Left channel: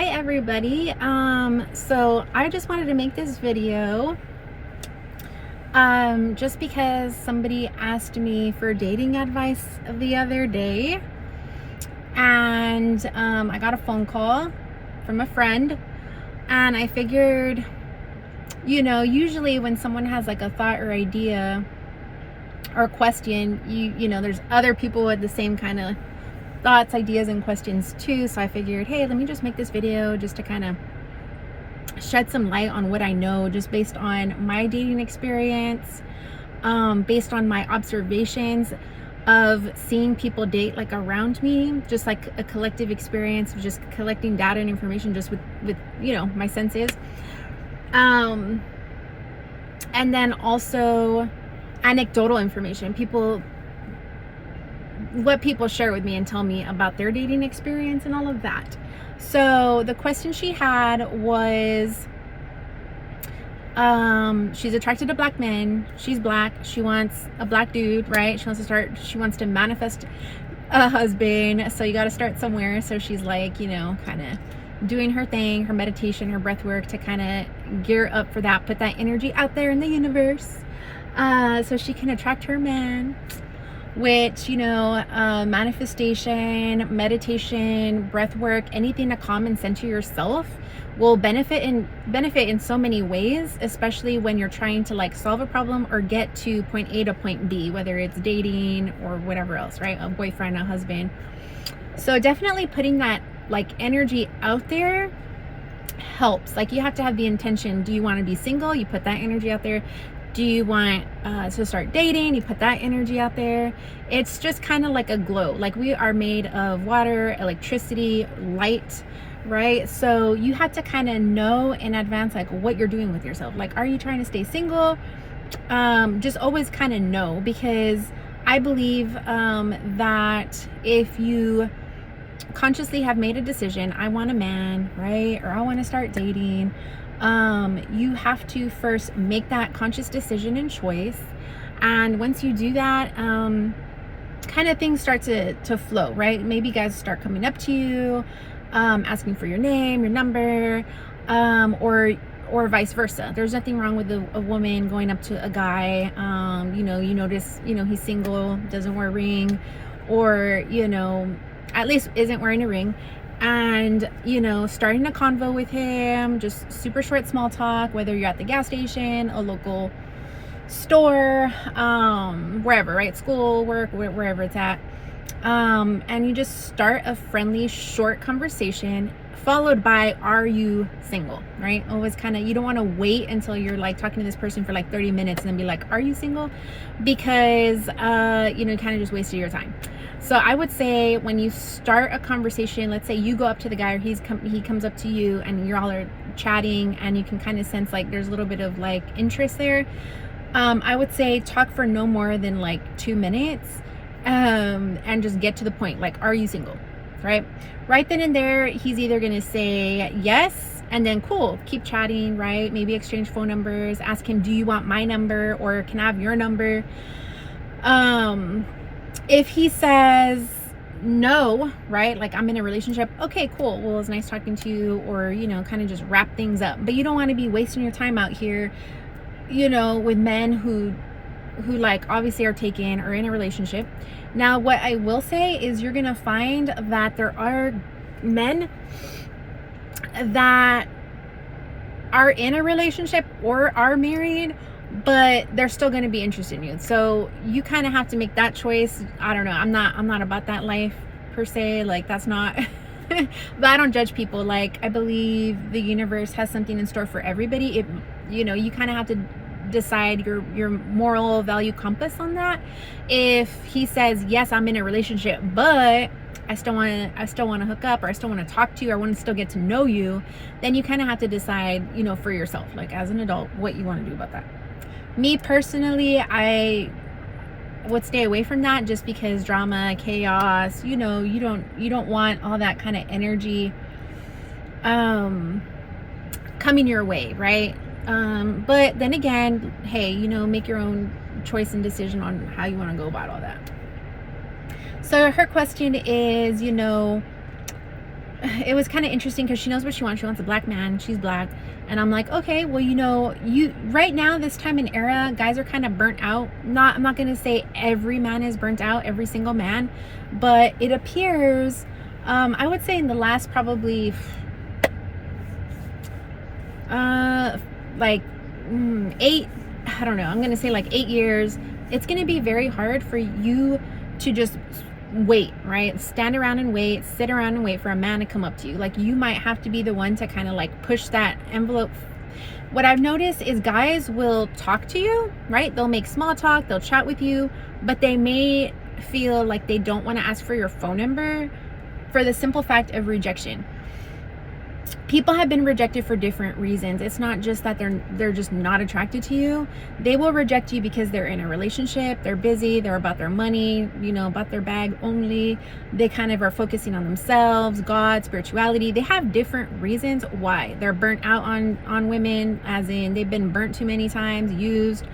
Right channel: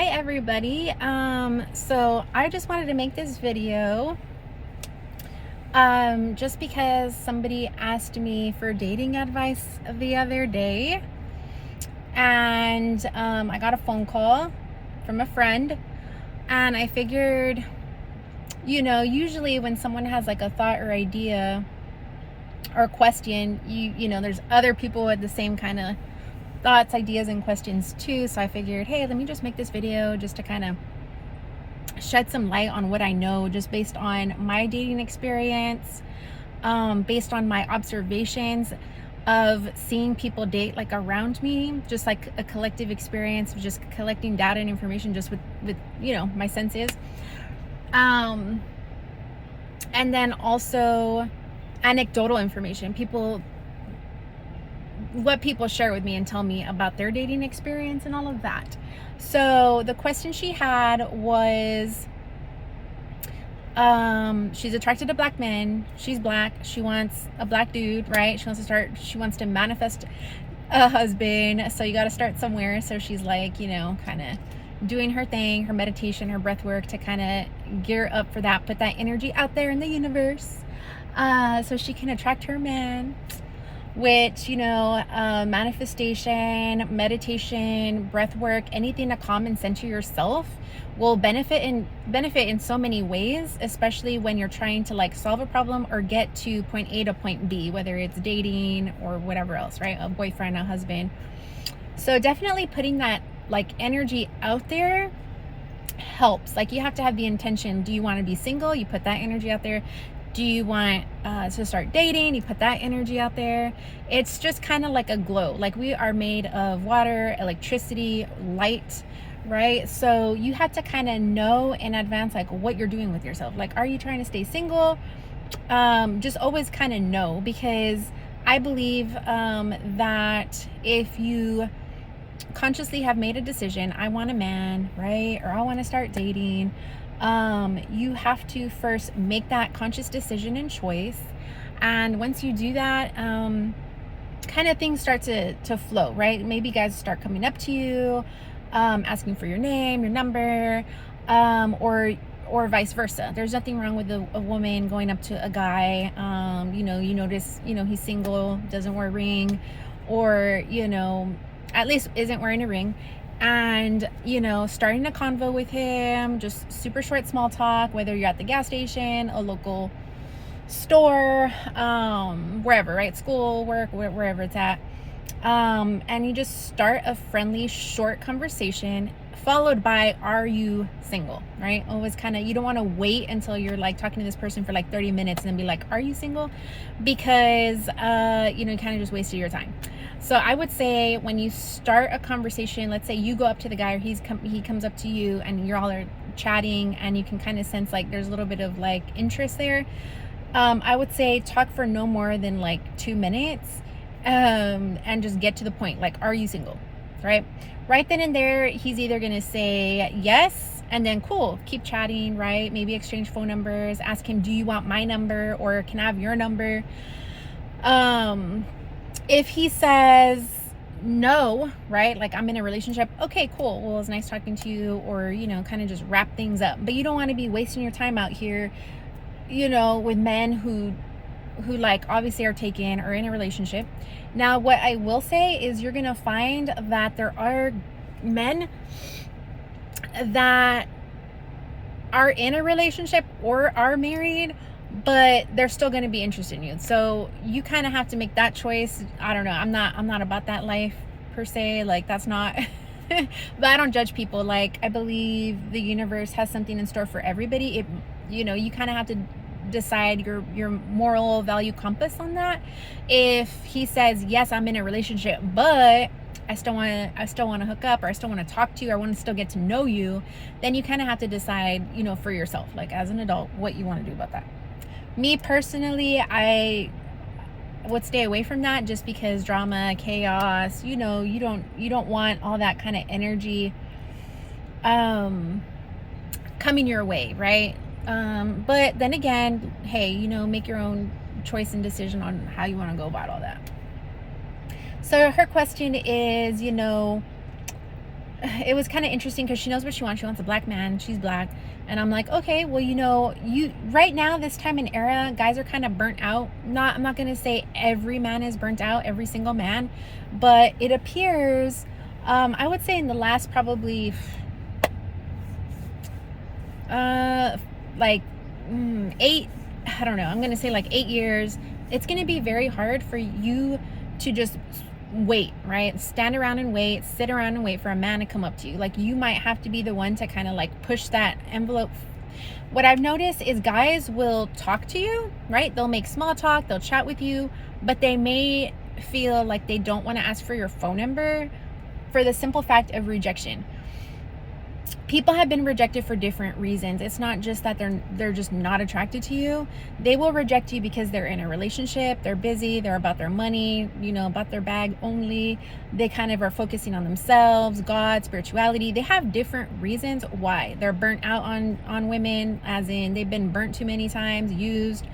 Hi everybody. So I just wanted to make this video just because somebody asked me for dating advice the other day, and I got a phone call from a friend, and I figured, usually when someone has like a thought or idea or question, you know there's other people with the same kind of thoughts, ideas, and questions too. So I figured, hey, let me just make this video just to kind of shed some light on what I know, just based on my dating experience, based on my observations of seeing people date like around me, just like a collective experience of just collecting data and information just with my senses, and then also anecdotal information, what people share with me and tell me about their dating experience and all of that. So the question she had was, she's attracted to black men, she's black, she wants a black dude, right? She wants to manifest a husband, so you got to start somewhere. So she's like, kind of doing her thing, her meditation, her breath work to kind of gear up for that, put that energy out there in the universe, so she can attract her man. Which, manifestation, meditation, breath work, anything to calm and center yourself will benefit in so many ways, especially when you're trying to like solve a problem or get to point A to point B, whether it's dating or whatever else, right? A boyfriend, a husband. So definitely putting that like energy out there helps. Like, you have to have the intention. Do you want to be single? You put that energy out there. Do you want to start dating? You put that energy out there. It's just kind of like a glow. Like, we are made of water, electricity, light, right? So you have to kind of know in advance like what you're doing with yourself. Like, are you trying to stay single? Just always kind of know, because I believe that if you consciously have made a decision, I want a man, right? Or I want to start dating, you have to first make that conscious decision and choice. And once you do that, kind of things start to flow, right? Maybe guys start coming up to you, asking for your name, your number, or vice versa. There's nothing wrong with a woman going up to a guy, you notice, he's single, doesn't wear a ring, or, at least isn't wearing a ring, and starting a convo with him, just super short small talk, whether you're at the gas station, a local store, wherever, right? School, work, wherever it's at, and you just start a friendly short conversation followed by, are you single, right? Always kind of, you don't want to wait until you're like talking to this person for like 30 minutes and then be like, are you single? Because you kind of just wasted your time. So I would say, when you start a conversation, let's say you go up to the guy, or he comes up to you, and you're all chatting, and you can kind of sense like there's a little bit of like interest there. I would say talk for no more than like 2 minutes, and just get to the point. Like, are you single, right? Right then and there, he's either gonna say yes, and then cool, keep chatting, right? Maybe exchange phone numbers. Ask him, do you want my number, or can I have your number? If he says no, right, like, I'm in a relationship, okay, cool, well, it's nice talking to you, or kind of just wrap things up. But you don't want to be wasting your time out here, with men who like obviously are taken or in a relationship. Now, what I will say is, you're gonna find that there are men that are in a relationship or are married, but they're still going to be interested in you. So you kind of have to make that choice. I don't know, I'm not about that life per se, like, that's not but I don't judge people. Like, I believe the universe has something in store for everybody. You kind of have to decide your moral value compass on that. If he says, yes, I'm in a relationship, but I still want to hook up, or I still want to talk to you, or I want to still get to know you, then you kind of have to decide, for yourself, like, as an adult, what you want to do about that. Me personally, I would stay away from that, just because drama, chaos, you don't want all that kind of energy coming your way, right? But then again, hey, make your own choice and decision on how you want to go about all that. So her question is, it was kind of interesting because she knows what she wants. She wants a black man. She's black. And I'm like, okay, well, you know, you right now, this time in era, guys are kind of burnt out. I'm not going to say every man is burnt out, every single man, but it appears, I would say in the last probably, like 8, I don't know, I'm going to say like 8 years, it's going to be very hard for you to just wait, right? Stand around and wait, sit around and wait for a man to come up to you. Like, you might have to be the one to kind of like push that envelope. What I've noticed is guys will talk to you, right? They'll make small talk, they'll chat with you, but they may feel like they don't want to ask for your phone number for the simple fact of rejection. People have been rejected for different reasons. It's not just that they're just not attracted to you. They will reject you because they're in a relationship, they're busy, they're about their money, you know, about their bag only. They kind of are focusing on themselves, God, spirituality. They have different reasons why they're burnt out on women, as in they've been burnt too many times, used.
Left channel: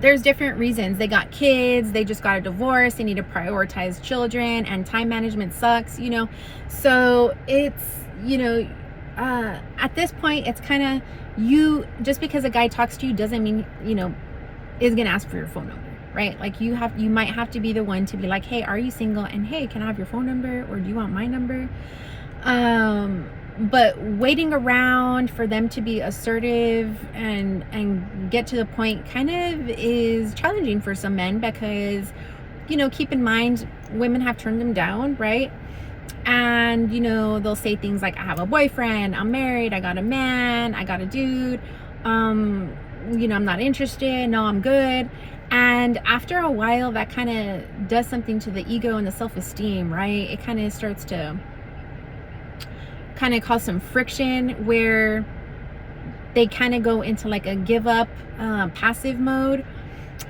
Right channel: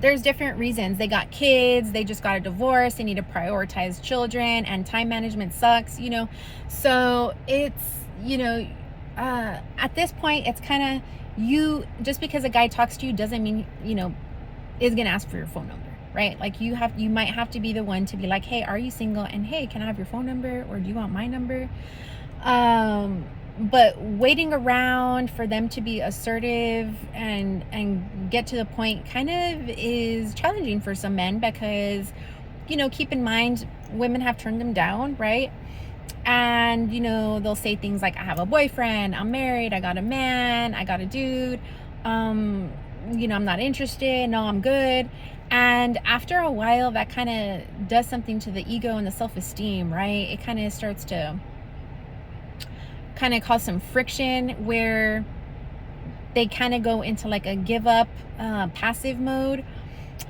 There's different reasons. They got kids, they just got a divorce, they need to prioritize children, and time management sucks, you know. So it's, you know, at this point, it's kind of, you, just because a guy talks to you doesn't mean, you know, is gonna ask for your phone number, right? Like, you might have to be the one to be like, hey, are you single? And hey, can I have your phone number? Or do you want my number? But waiting around for them to be assertive and get to the point kind of is challenging for some men, because, you know, keep in mind, women have turned them down, right? And, you know, they'll say things like, I have a boyfriend, I'm married, I got a man, I got a dude, you know, I'm not interested, no, I'm good. And after a while, that kind of does something to the ego and the self-esteem, right? It kind of starts to kind of cause some friction where they kind of go into like a give up, passive mode.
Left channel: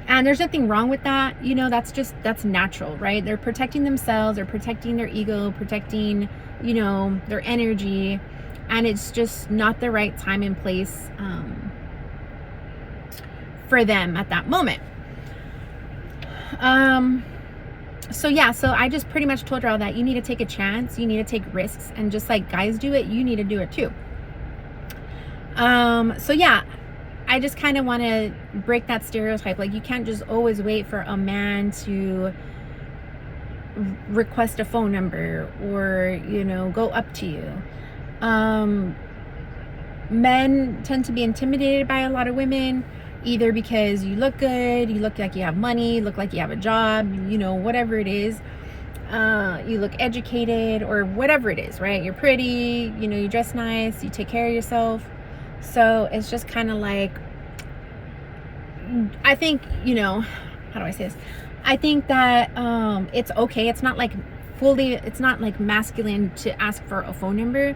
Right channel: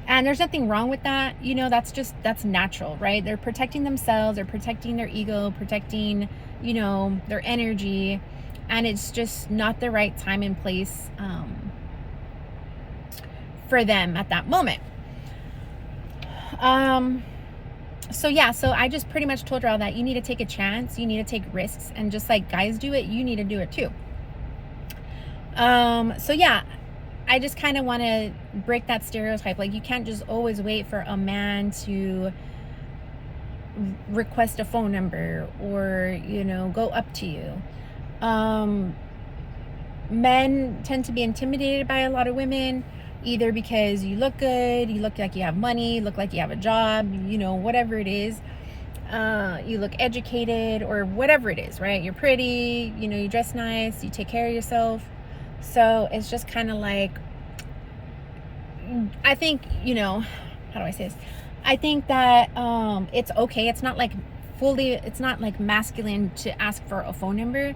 And there's nothing wrong with that, you know. That's natural, right? They're protecting themselves, they're protecting their ego, protecting, you know, their energy, and it's just not the right time and place for them at that moment. So yeah, so I just pretty much told her all that. You need to take a chance, you need to take risks, and just like guys do it, you need to do it too. So yeah, I just kind of want to break that stereotype. Like, you can't just always wait for a man to request a phone number or, you know, go up to you. Men tend to be intimidated by a lot of women, either because you look good, you look like you have money, you look like you have a job, you know, whatever it is. You look educated or whatever it is, right? You're pretty, you know, you dress nice, you take care of yourself. So it's just kind of like, I think, you know, how do I say this? I think that it's okay. It's not like it's not like masculine to ask for a phone number.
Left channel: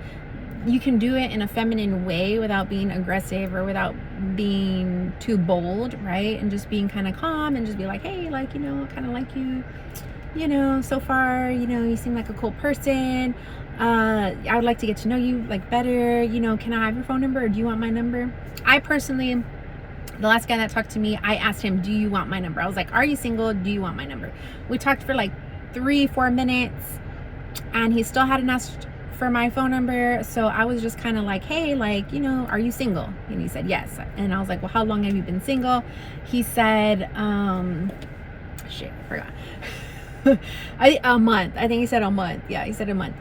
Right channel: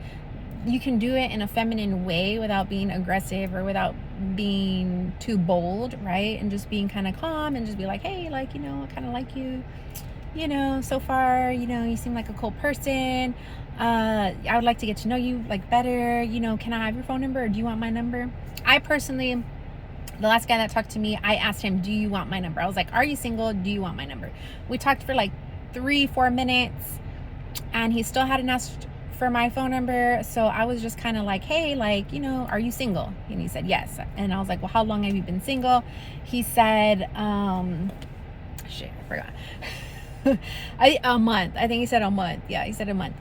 You can do it in a feminine way without being aggressive or without being too bold, right? And just being kind of calm and just be like, hey, like, you know, I kind of like you, you know, so far, you know, you seem like a cool person. I would like to get to know you like better, you know, can I have your phone number, or do you want my number? I personally, the last guy that talked to me, I asked him, do you want my number? I was like, are you single? Do you want my number? We talked for like 3-4 minutes, and he still hadn't asked for my phone number. So I was just kind of like, hey, like, you know, are you single? And he said yes. And I was like, well, how long have you been single? He said shit, I forgot. A month. I think he said a month. Yeah, he said a month.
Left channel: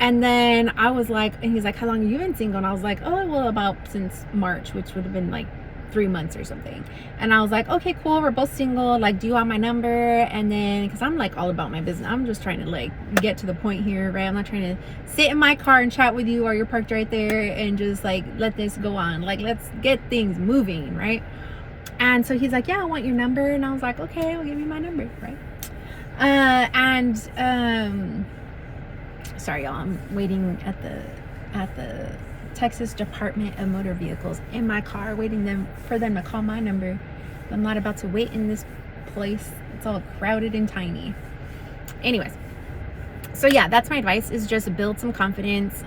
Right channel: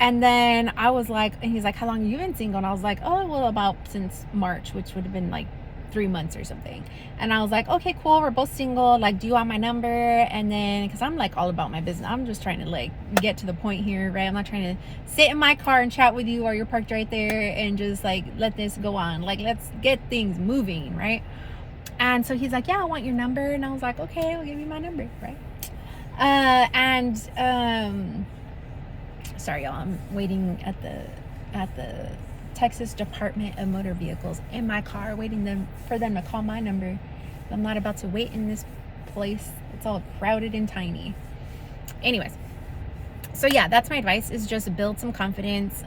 And then I was like, and he's like, how long have you been single? And I was like, oh, well, about since March, which would have been like 3 months or something. And I was like, okay, cool, we're both single, like, do you want my number? And then, because I'm like all about my business, I'm just trying to like get to the point here, right? I'm not trying to sit in my car and chat with you while you're parked right there and just like let this go on. Like, let's get things moving, right? And so he's like, yeah, I want your number. And I was like, okay, I'll give you my number, right? Sorry y'all, I'm waiting at the Texas Department of Motor Vehicles in my car, waiting for them to call my number. I'm not about to wait in this place. It's all crowded and tiny. Anyways, so yeah, that's my advice, is just build some confidence.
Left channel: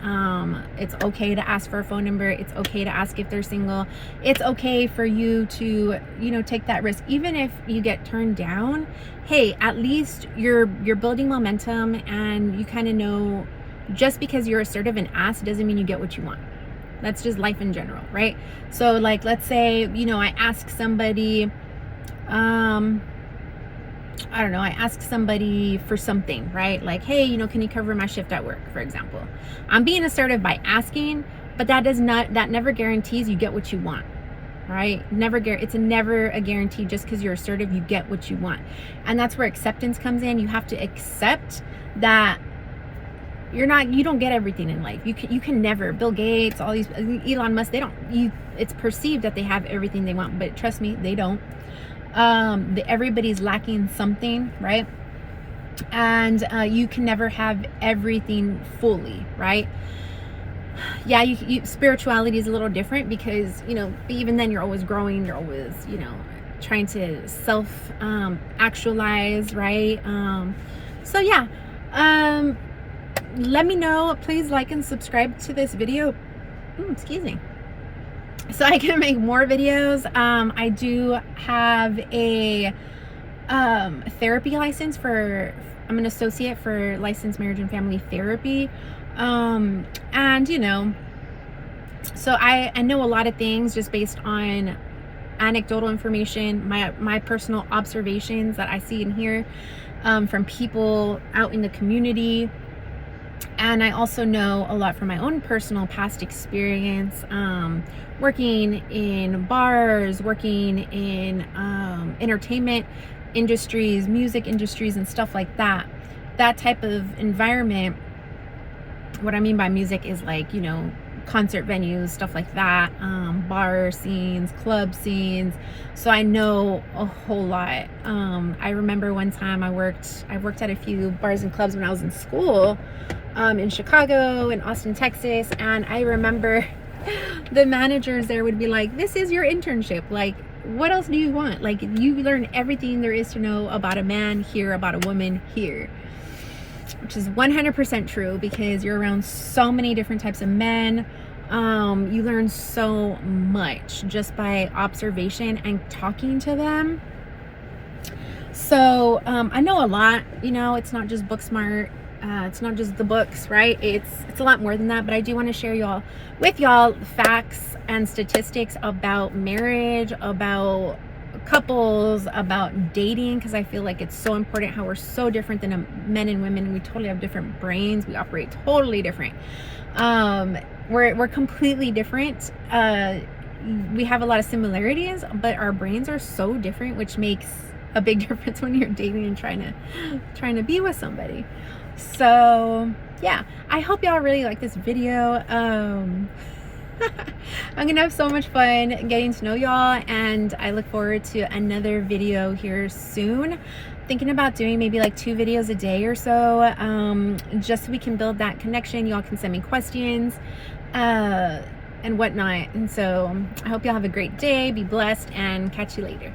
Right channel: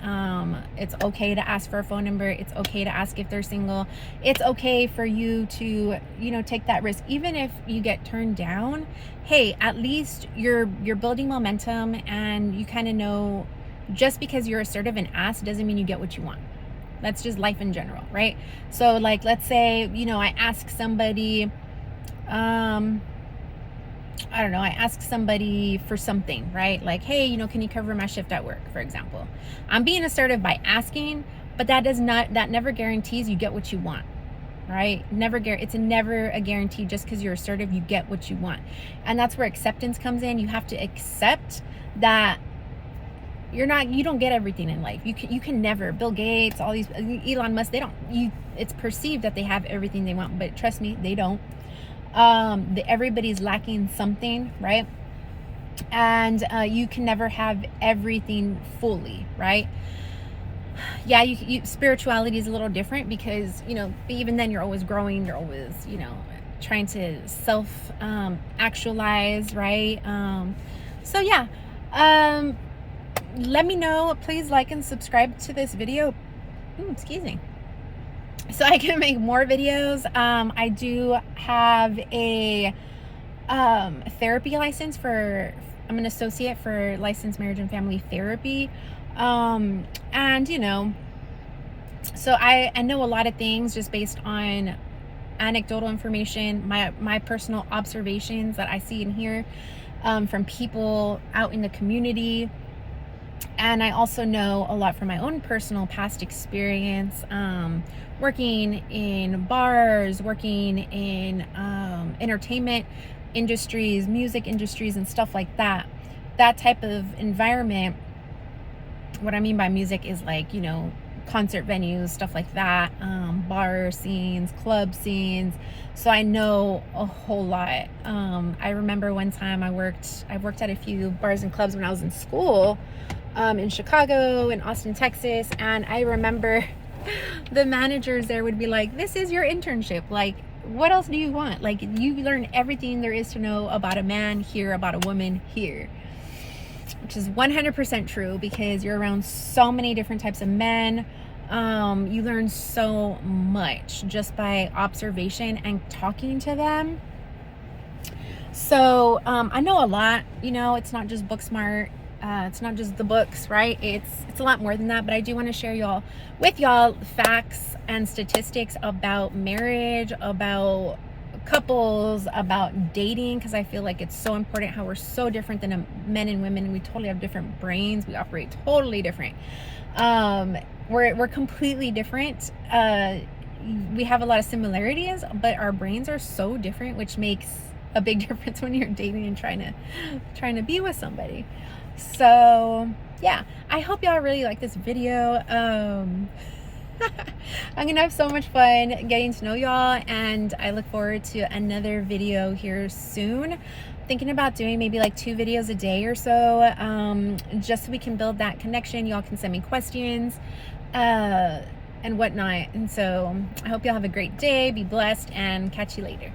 It's okay to ask for a phone number. It's okay to ask if they're single. It's okay for you to, you know, take that risk. Even if you get turned down, hey, at least you're building momentum, and you kind of know just because you're assertive and ask doesn't mean you get what you want. That's just life in general, right? So like, let's say, you know, I ask somebody, I don't know, I ask somebody for something, right? Like, hey, you know, can you cover my shift at work, for example? I'm being assertive by asking, but that never guarantees you get what you want, right? It's never a guarantee. Just because you're assertive, you get what you want. And that's where acceptance comes in. You have to accept that you don't get everything in life. You can never. Bill Gates, all these, Elon Musk, it's perceived that they have everything they want, but trust me, they don't. Everybody's lacking something, right? And you can never have everything fully, right? Yeah, spirituality is a little different because, you know, even then you're always growing, you're always, you know, trying to self actualize, right? So yeah, let me know, please like and subscribe to this video. Excuse me, so I can make more videos. I do have a therapy license I'm an associate for licensed marriage and family therapy. And you know, so I know a lot of things just based on anecdotal information, my personal observations that I see and hear from people out in the community. And I also know a lot from my own personal past experience, working in bars, working in entertainment industries, music industries, and stuff like that. That type of environment. What I mean by music is like, you know, concert venues, stuff like that, bar scenes, club scenes. So I know a whole lot. I remember one time I worked at a few bars and clubs when I was in school, in Chicago, in Austin, Texas. And I remember the managers there would be like, this is your internship. Like, what else do you want? Like, you learn everything there is to know about a man here, about a woman here. Which is 100% true, because you're around so many different types of men. You learn so much just by observation and talking to them. So I know a lot, you know, it's not just book smart. It's not just the books, right? It's a lot more than that. But I do want to share with y'all facts and statistics about marriage, about couples, about dating, because I feel like it's so important how we're so different than men and women. We totally have different brains. We operate totally different. We're completely different. We have a lot of similarities, but our brains are so different, which makes a big difference when you're dating and trying to be with somebody. So yeah, I hope y'all really like this video. I'm gonna have so much fun getting to know y'all, and I look forward to another video here soon. Thinking about doing maybe like 2 videos a day or so, just so we can build that connection. Y'all can send me questions and whatnot. And so I hope y'all have a great day, be blessed, and catch you later.